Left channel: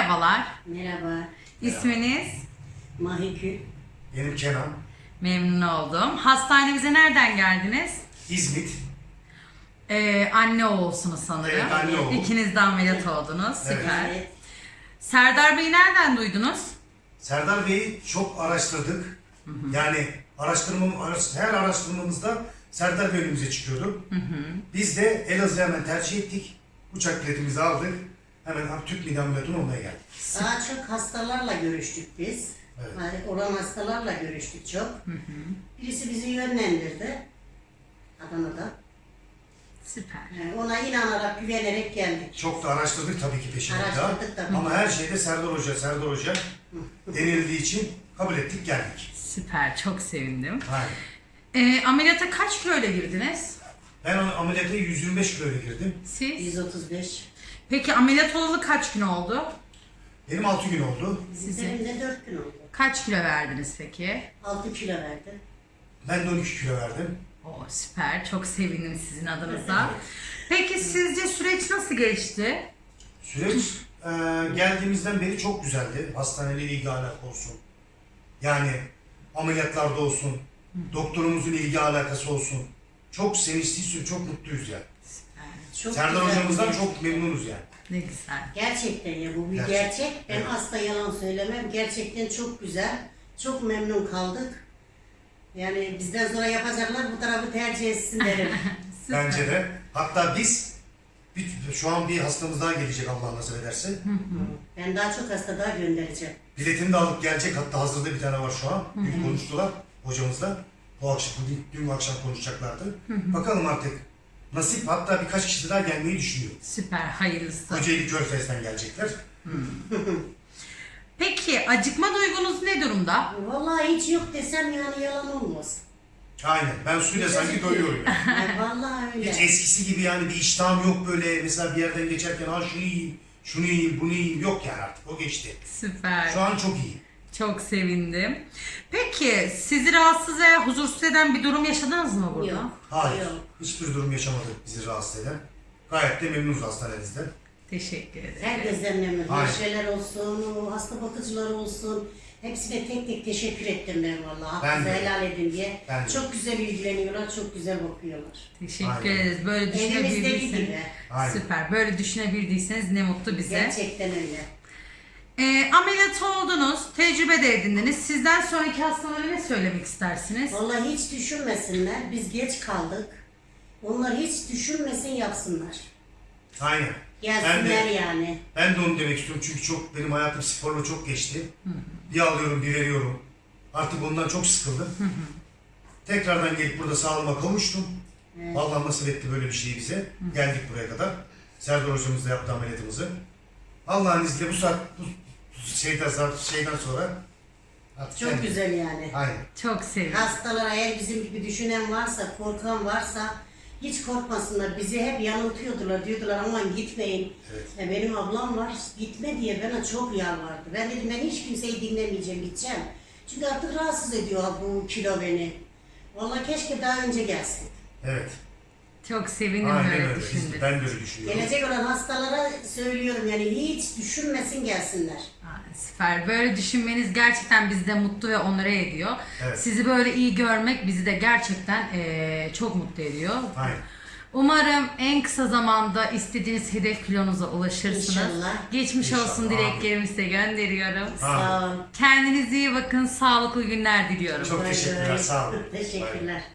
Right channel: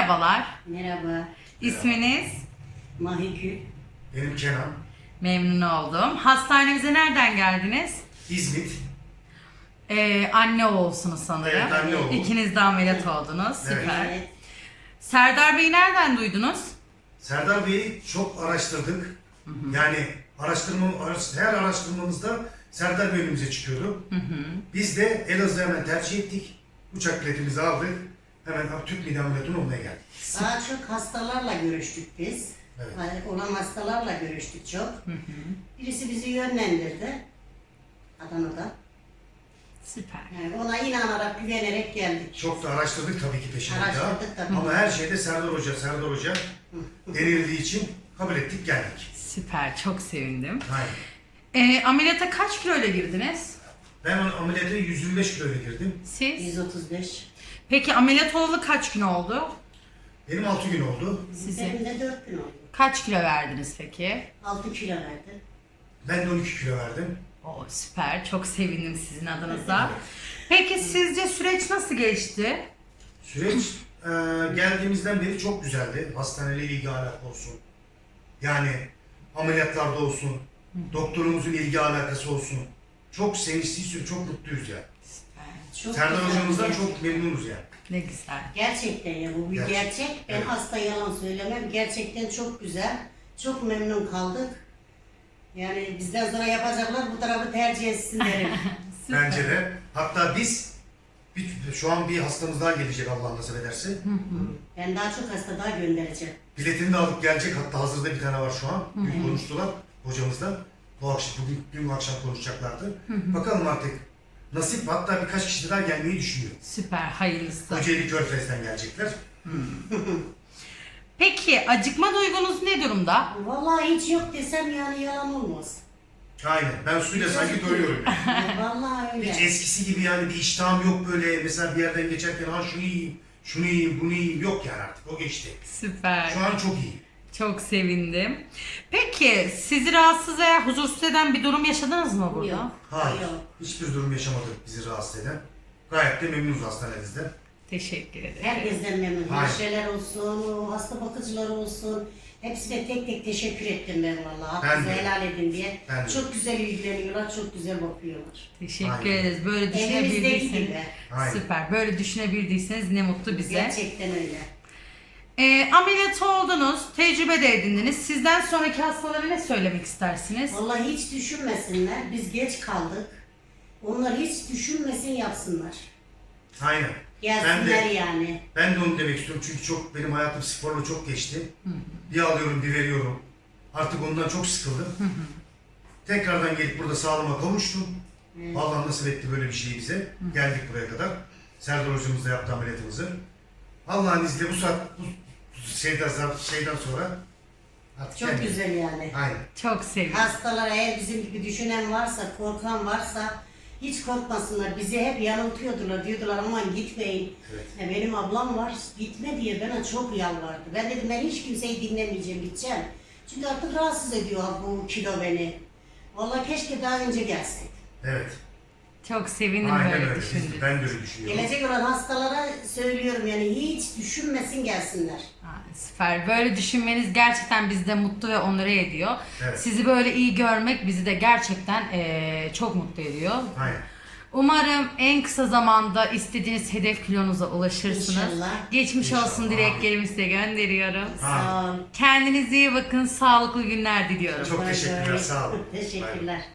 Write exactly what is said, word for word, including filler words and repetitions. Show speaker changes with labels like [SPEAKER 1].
[SPEAKER 1] Merhabalar.
[SPEAKER 2] Merhaba.
[SPEAKER 1] İsminiz?
[SPEAKER 2] Mahikül.
[SPEAKER 3] Benim Kenan.
[SPEAKER 1] Memnun oldum. Hastanemize nereden geldiniz?
[SPEAKER 3] İzmit.
[SPEAKER 1] Ee, anne oğulsunuz sanırım.
[SPEAKER 3] Evet, anne oğul.
[SPEAKER 1] İkiniz de ameliyat oldunuz.
[SPEAKER 3] Evet.
[SPEAKER 1] Süper.
[SPEAKER 2] Evet.
[SPEAKER 1] Serdar Bey'i nereden duydunuz?
[SPEAKER 3] Serdar Bey'i çok araştırdık. Yani araştırma, araş- her araştırmamızda Serdar Bey önümüze çıkıyordu.
[SPEAKER 1] Hı hı.
[SPEAKER 3] Biz de Elazığ'ı hemen tercih ettik. Uçak biletimizi aldık. Hemen Türk mide ameliyatı olmaya geldik.
[SPEAKER 2] Daha çok hastalarla görüştük biz.
[SPEAKER 3] Evet.
[SPEAKER 2] Yani olan hastalarla görüştük çok.
[SPEAKER 1] Hı hı.
[SPEAKER 2] Birisi bizi yönlendirdi. Adana'da.
[SPEAKER 1] Süper.
[SPEAKER 2] Yani ona inanarak, güvenerek geldik.
[SPEAKER 3] Çok da araştırdık tabii ki peşinde daha.
[SPEAKER 2] Araştırdık tabii.
[SPEAKER 3] Ama her şeyde Serdar Hoca, Serdar Hoca denildiği için kabul ettik geldik.
[SPEAKER 1] Süper. Çok sevindim.
[SPEAKER 3] Aynen.
[SPEAKER 1] Ee, ameliyata kaç kilo ile girdiniz?
[SPEAKER 3] Ben onu ameliyata yüz yirmi beş kiloyla girdim.
[SPEAKER 1] Siz?
[SPEAKER 2] yüz otuz beş.
[SPEAKER 1] Peki ameliyat olalı kaç gün oldu?
[SPEAKER 3] Benim altı gün oldu.
[SPEAKER 1] Sizin?
[SPEAKER 2] Benim de dört gün oldu.
[SPEAKER 1] Kaç kilo verdiniz peki?
[SPEAKER 2] altı kilo verdim.
[SPEAKER 3] Ben de on iki kilo verdim.
[SPEAKER 1] Oo, süper. Çok sevindim sizin adınıza.
[SPEAKER 3] Evet.
[SPEAKER 1] Peki sizce süreç nasıl geçti?
[SPEAKER 3] Süreç e, geldiğimizden beri çok güzeldi. Hastaneyle ilgi alaka olsun. Yani ameliyatlarda olsun. Doktorumuzun ilgi alakası olsun. Çok sevinçliyiz, çok mutluyuz yani.
[SPEAKER 2] Çok
[SPEAKER 3] Serdar
[SPEAKER 2] güzel
[SPEAKER 3] hocamızdan
[SPEAKER 2] bir
[SPEAKER 3] çok memnunuz yani.
[SPEAKER 1] Ne güzel.
[SPEAKER 2] Gerçekten ya bu bir
[SPEAKER 3] Gerçek.
[SPEAKER 2] gerçek. Ben
[SPEAKER 3] Evet.
[SPEAKER 2] asla yalan söylemem. Gerçekten çok güzel. Çok memnun kaldık. Yani bizden sonra yapacaklar bu tarafı tercih etsin derim.
[SPEAKER 1] Süper.
[SPEAKER 3] Bence de. Hatta biz bir, şu an bir hastamız daha gelecek Allah nasip ederse.
[SPEAKER 2] Ben daha çok hasta daha göndereceğim.
[SPEAKER 3] Biletini de alıp gelecek. Hatta hazırda bir tane var şu an. Dün konuştular hocamızla. Bu akşam, bugün, dün akşam konuşacaklardı. Bakalım artık nasip. Hatta birkaç kişi daha gelmeyi düşünüyor.
[SPEAKER 1] Süper. Hayırlısı.
[SPEAKER 3] Kocaeli Körfez'den gelecekler.
[SPEAKER 1] Peki acıkma duygunuz ne durumda?
[SPEAKER 2] Vallahi hiç yok desem yani yalan olmaz.
[SPEAKER 3] Aynen. Ben suyla sanki doyuyorum. Yani.
[SPEAKER 2] Yani vallahi öyle.
[SPEAKER 3] Hiç eskisi gibi yani bir iştahım yok böyle. Mesela bir yerden geçerken ha şunu yiyeyim, şunu yiyeyim, bunu yiyeyim. Yok yani artık. O geçti.
[SPEAKER 1] Süper.
[SPEAKER 3] Şu an çok iyi.
[SPEAKER 1] Çok sevindim. Peki sizi rahatsız veya huzursuz eden bir durum yaşadınız mı burada?
[SPEAKER 2] Yok.
[SPEAKER 3] Hayır.
[SPEAKER 2] Yok.
[SPEAKER 3] Hiçbir durum yaşamadık bizi rahatsız eden. Gayet de memnunuz hastanemizden.
[SPEAKER 1] Teşekkür ederim.
[SPEAKER 2] Herkesten memnun.
[SPEAKER 3] Aynen.
[SPEAKER 2] Hemşireler olsun, hasta bakıcılar olsun. Hepsine tek tek teşekkür ettim ben vallahi.
[SPEAKER 3] Ben
[SPEAKER 2] Hakkınızı
[SPEAKER 3] de.
[SPEAKER 2] helal edin diye.
[SPEAKER 3] Ben de.
[SPEAKER 2] Çok güzel ilgileniyorlar, çok güzel bakıyorlar.
[SPEAKER 1] Teşekkür
[SPEAKER 3] Aynen.
[SPEAKER 1] ederiz. Böyle
[SPEAKER 2] Evimizdeki
[SPEAKER 1] düşünebildiyseniz.
[SPEAKER 2] gibi.
[SPEAKER 3] Aynen.
[SPEAKER 1] Süper. Böyle düşünebildiyseniz ne mutlu bize.
[SPEAKER 2] Gerçekten öyle.
[SPEAKER 1] Ee, ameliyat oldunuz. Tecrübe de edindiniz. Sizden sonraki hastalara ne söylemek istersiniz?
[SPEAKER 2] Vallahi hiç düşünmesinler. Biz geç kaldık. Onlar hiç düşünmesin yapsınlar.
[SPEAKER 3] Aynen.
[SPEAKER 2] Gelsinler
[SPEAKER 3] Ben de,
[SPEAKER 2] yani.
[SPEAKER 3] ben de onu demek istiyorum çünkü çok benim hayatım sporla çok geçti. Bir alıyorum, bir veriyorum. Artık ondan çok sıkıldım. Tekrardan gelip burada sağlığıma kavuştum.
[SPEAKER 2] Evet.
[SPEAKER 3] Allah nasip etti böyle bir şeyi bize. Geldik buraya kadar. Serdar hocamız da yaptı ameliyatımızı. Allah'ın izniyle bu saat bu şeyden, şeyden sonra artık
[SPEAKER 2] Çok
[SPEAKER 3] kendim-
[SPEAKER 2] güzel yani.
[SPEAKER 3] Aynen.
[SPEAKER 1] Çok sevindim.
[SPEAKER 2] Hastalara eğer bizim gibi düşünen varsa, korkan varsa hiç korkmasınlar. Bizi hep yanıltıyordular. Diyordular aman gitmeyin.
[SPEAKER 3] Evet.
[SPEAKER 2] Ya benim ablam var gitme diye bana çok yalvardı. Ben dedim ben hiç kimseyi dinlemeyeceğim gideceğim. Çünkü artık rahatsız ediyor bu kilo beni. Vallahi keşke daha önce gelsin.
[SPEAKER 3] Evet.
[SPEAKER 1] Çok sevindim
[SPEAKER 3] Aynen
[SPEAKER 1] böyle
[SPEAKER 3] öyle. Biz-
[SPEAKER 1] düşündüğünüz.
[SPEAKER 3] Ben de öyle düşünüyorum.
[SPEAKER 2] Gelecek olan hastalara söylüyorum yani hiç düşünmesin gelsinler.
[SPEAKER 1] Aa, süper. Böyle düşünmeniz gerçekten bizi de mutlu ve onore ediyor.
[SPEAKER 3] Evet.
[SPEAKER 1] Sizi böyle iyi görmek bizi de gerçekten eee, çok mutlu ediyor.
[SPEAKER 3] Aynen.
[SPEAKER 1] Umarım en kısa zamanda istediğiniz hedef kilonuza ulaşırsınız.
[SPEAKER 2] İnşallah.
[SPEAKER 1] Geçmiş
[SPEAKER 3] İnşallah.
[SPEAKER 1] olsun dileklerimi size gönderiyorum.
[SPEAKER 2] Sağ ol.
[SPEAKER 1] Kendinize iyi bakın. Sağlıklı günler diliyorum.
[SPEAKER 3] Çok
[SPEAKER 2] Bay
[SPEAKER 3] teşekkürler.
[SPEAKER 2] bay.
[SPEAKER 3] Sağ olun.
[SPEAKER 2] Teşekkürler.